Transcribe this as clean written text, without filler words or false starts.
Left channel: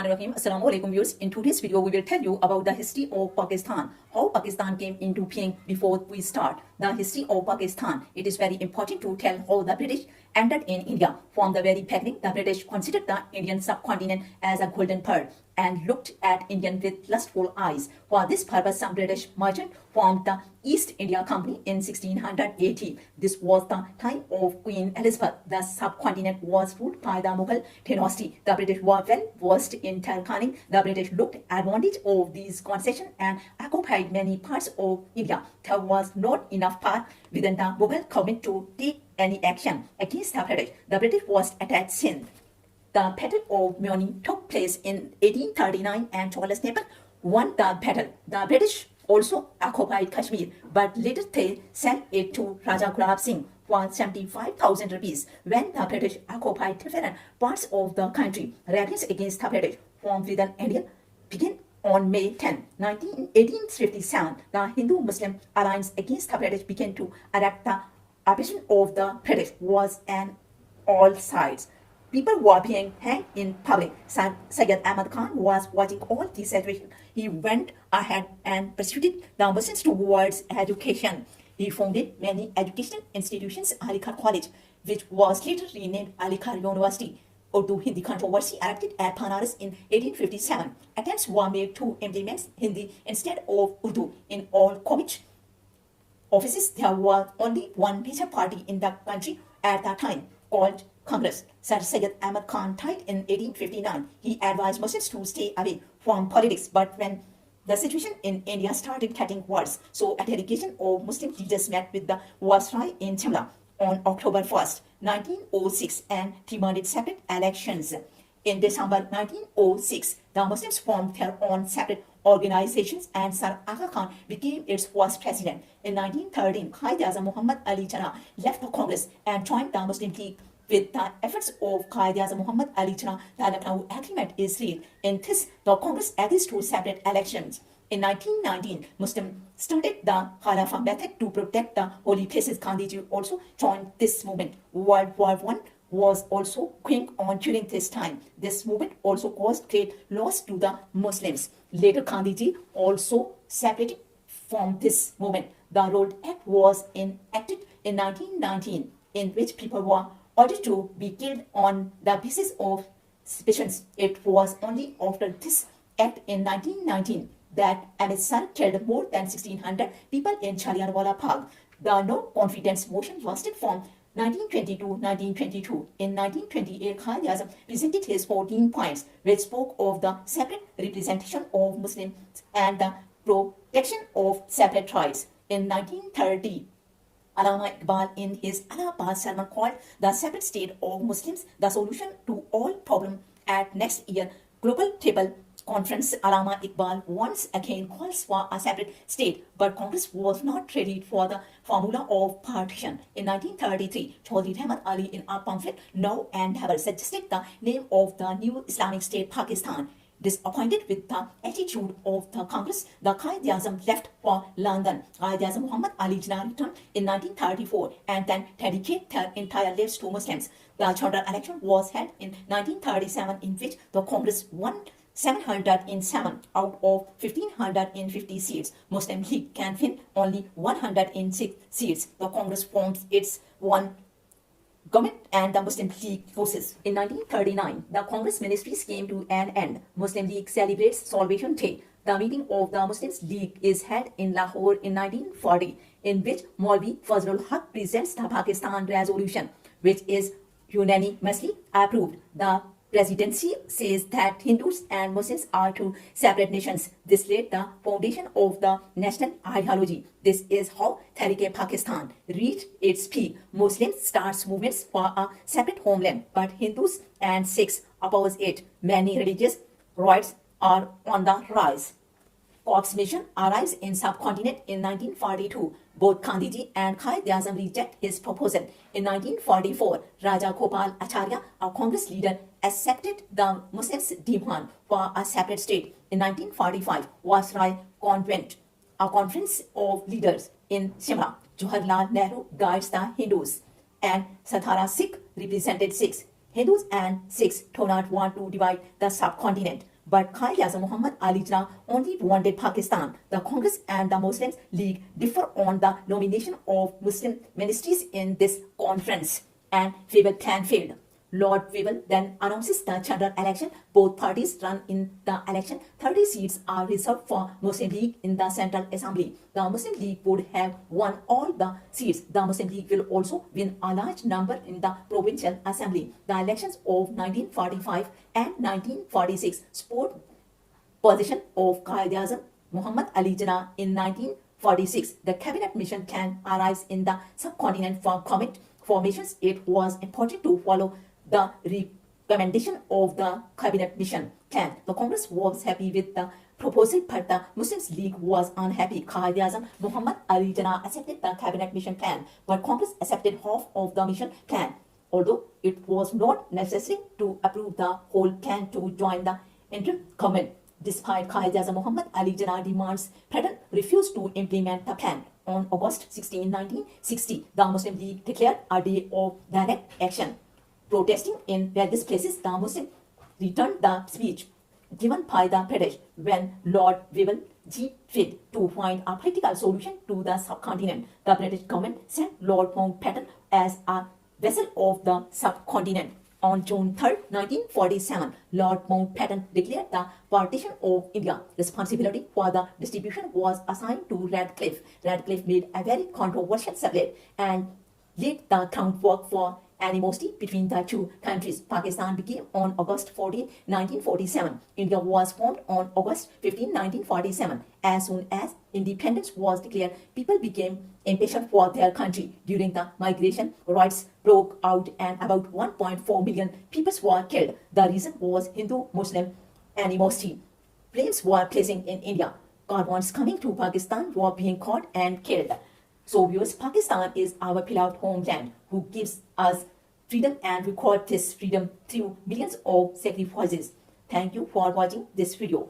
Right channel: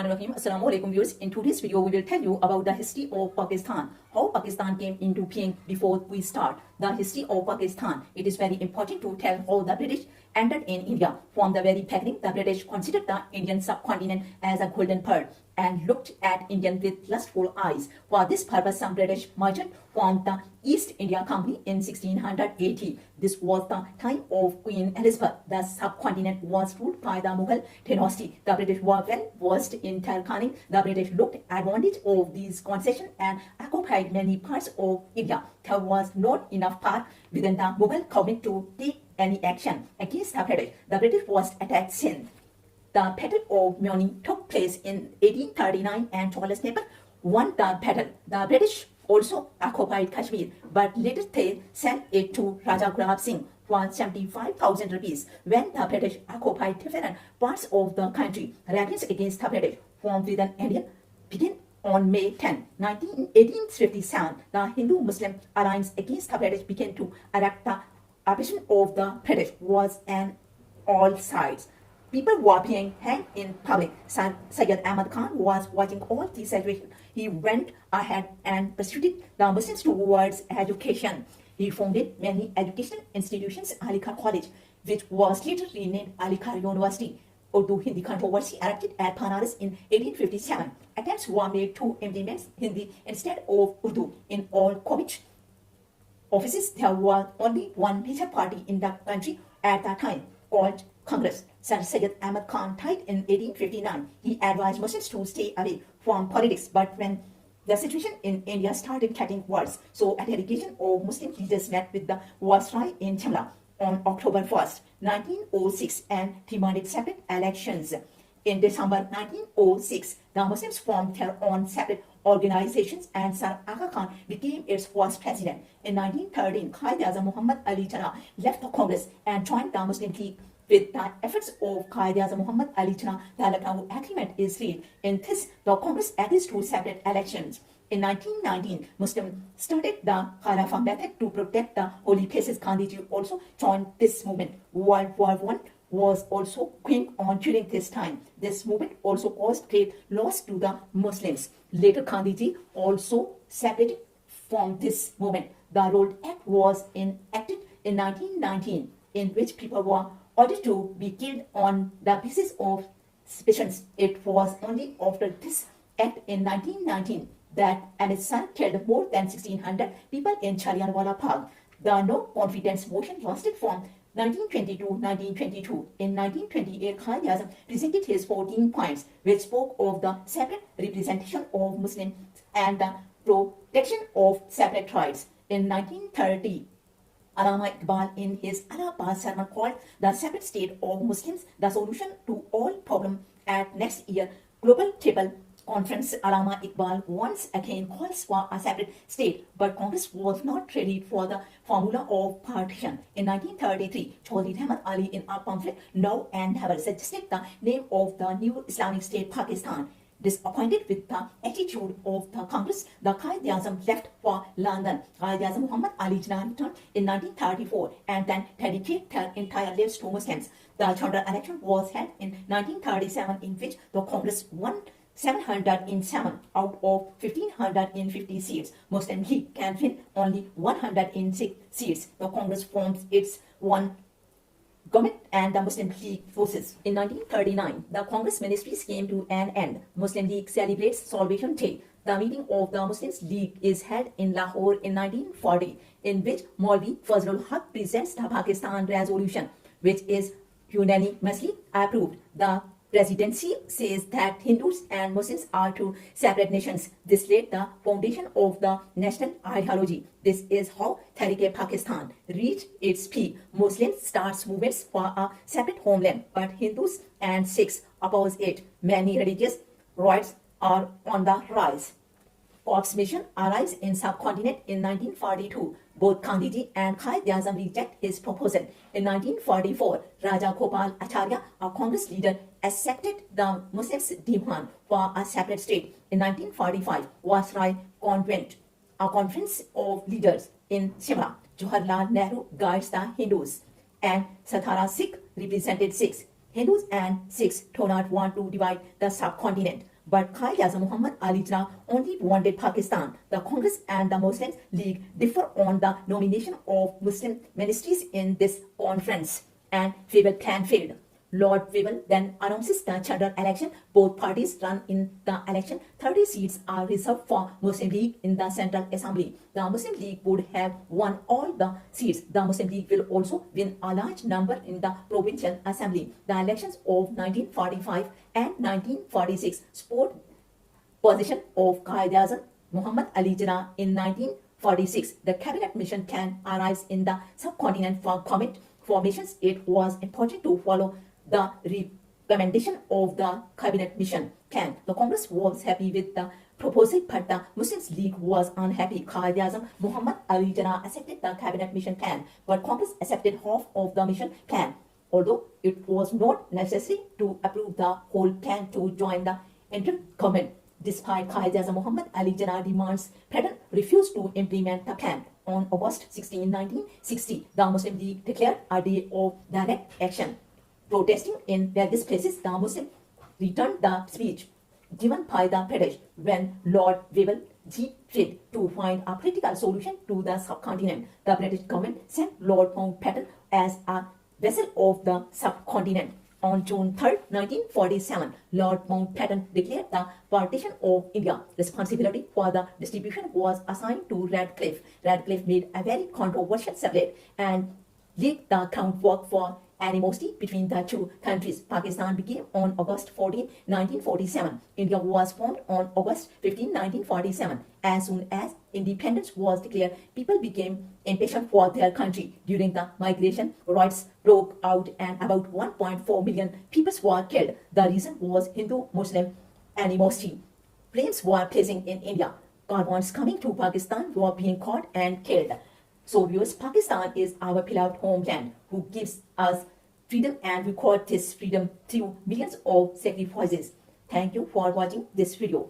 Bismillahirrahmanirrahim. Assalamu alaikum viewers. In today's video, we will tell you about the history of Pakistan, how Pakistan came into being. Before we start the history of Pakistan, it is very important to tell how the British entered in India. From the very beginning, the British considered the Indian subcontinent as a golden pearl and looked at Indians with lustful eyes. For this purpose, some British merchants formed the East India Company in 1680. This was the time of Queen Elizabeth. The subcontinent was ruled by the Mughal dynasty. The British were well versed in terraforming. The British looked advantage of these concessions and occupied many parts of India. There was not enough power within the Mughal government to take any action against the British. The British was attacked Sindh. The Battle of Muni took place in 1839 and Charles Napier won the battle. The British also occupied Kashmir, but later they sent it to Raja Gulab Singh for 75,000 rupees. When the British occupied different parts of the country, rebellions against the British from within India began on May 10, 1857. The Hindu-Muslim alliance against the British began to adapt. The oppression of the British was on all sides. People were being hanged in public. Syed Ahmad Khan was watching all this situation. He went ahead and pursued the Muslims towards education. He founded many educational institutions, Aligarh College, which was later renamed Aligarh University. Urdu Hindi controversy erupted at Banaras in 1857. Attempts were made to implement Hindi instead of Urdu in all college offices. There was only one major party in the country at that time, called Congress. Sir Syed Ahmad Khan died in 1859. He advised Muslims to stay away from politics, but when the situation in India started getting worse, so a delegation of Muslim leaders met with the Viceroy in Shimla on October 1st, 1906 and demanded separate elections. In December 1906, the Muslims formed their own separate organizations and Sir Aga Khan became its first president. In 1913, Quaid-e-Azam Muhammad Ali Jinnah left the Congress and joined the Muslim League. With the efforts of Quaid-e-Azam Muhammad Ali Jinnah, the Lucknow Agreement is reached. In this, the Congress agrees to separate elections. In 1919, Muslims started the Khilafah method to protect the holy places. Gandhiji also joined this movement. World War I was also going on during this time. This movement also caused great loss to the Muslims. Later, Gandhiji also separated from this movement. The Road Act was enacted in 1919, in which people were ordered to be killed on the basis of suspicions. It was only after this act in 1919 that Ahmed Sir killed more than 1,600 people in Jallianwala Bagh. The no-confidence motion lasted from 1920 to 1922. In 1928, Quaid-e-Azam presented his 14 points, which spoke of the separate representation of Muslims and the protection of separate tribes. In 1930, Allama Iqbal, in his Allahabad sermon called The Separate State of Muslims, the solution to all problems, at next year Global Table Conference, Allama Iqbal once again calls for a separate state, but Congress was not ready for the formula of partition. In 1933, Chaudhry Rahmat Ali, in a pamphlet Now and Never, suggested the name of the new Islamic State Pakistan. Disappointed with the attitude of the Congress, the Quaid-e-Azam left for London. Quaid-e-Azam Muhammad Ali Jinnah returned in 1934 and then dedicated their entire lives to Muslims. The general election was held in 1937, in which the Congress won 707 out of 1,550 seats. Muslim League can win only 106 seats. The Congress forms its one government and the Muslim League forces. In 1939, the Congress ministries came to an end. Muslim League celebrates Salvation Day. The meeting of the Muslim League is held in Lahore in 1940, in which Maulvi Fazlul Haq presents the Pakistan resolution, which is unanimously approved. The presidency says that Hindus and Muslims are two separate nations. This laid the foundation of the national ideology. This is how Tehreek-e-Pakistan reached its peak. Muslims start movements for a separate homeland, but Hindus and Sikhs oppose it. Many religious rights are on the rise. Crips Mission arrives in subcontinent in 1942. Both Gandhiji and Quaid-e-Azam reject his proposal. In 1944, Raja Gopal Acharya, a Congress leader, accepted the Muslims' demand for a separate state. In 1945, Viceroy convened a conference of leaders in Shimla. Jawaharlal Nehru guides the Hindus and Satara Sikh represented Sikhs. Hindus and Sikhs do not want to divide the subcontinent. But Quaid-e-Azam Muhammad Ali Jinnah only wanted Pakistan. The Congress and the Muslim League differ on the nomination of Muslim ministries in this conference, and Weevil plan failed. Lord Weevil then announces the general election. Both parties run in the election. 30 seats are reserved for Muslim League in the Central Assembly. The Muslim League would have won all the seats. The Muslim League will also win a large number in the Provincial Assembly. The elections of 1945 and 1946 support position of Quaid-e-Azam Muhammad Ali Jinnah in 1946. The cabinet mission can arise in the subcontinent for comet formations. It was important to follow the recommendation of the cabinet mission can. The Congress was happy with the proposal, but the Muslim League was unhappy. Quaid-e-Azam Muhammad Ali Jinnah accepted the cabinet mission can, but Congress accepted half of the mission can, although it was not necessary to approve the whole can to join the interim government. Despite Quaid-e-Azam Muhammad Ali Jinnah demands, Batten refused to implement the plan. On August 16, 1960, the Muslim League declared a day of direct action. Protesting in various places, the Muslims returned the speech given by the British when Lord Weevil failed to find a political solution to the subcontinent. The British government sent Lord Mountbatten as a vessel of the subcontinent. On June 3, 1947, Lord Mountbatten declared the partition of India. Responsibility for the distribution was assigned to Radcliffe. Radcliffe made a very controversial subject and laid the groundwork for animosity between the two countries. Pakistan became on August 14, 1947. India was formed on August 15, 1947. As soon as independence was declared, people became impatient for their country. During the migration, riots broke out and about 1.4 million people were killed. The reason was Hindu-Muslim animosity. Planes were placing in India. Caravans coming to Pakistan were being caught and killed. So viewers, Pakistan is our beloved homeland who gives us freedom and record this freedom through millions of sacrifices. Thank you for watching this video.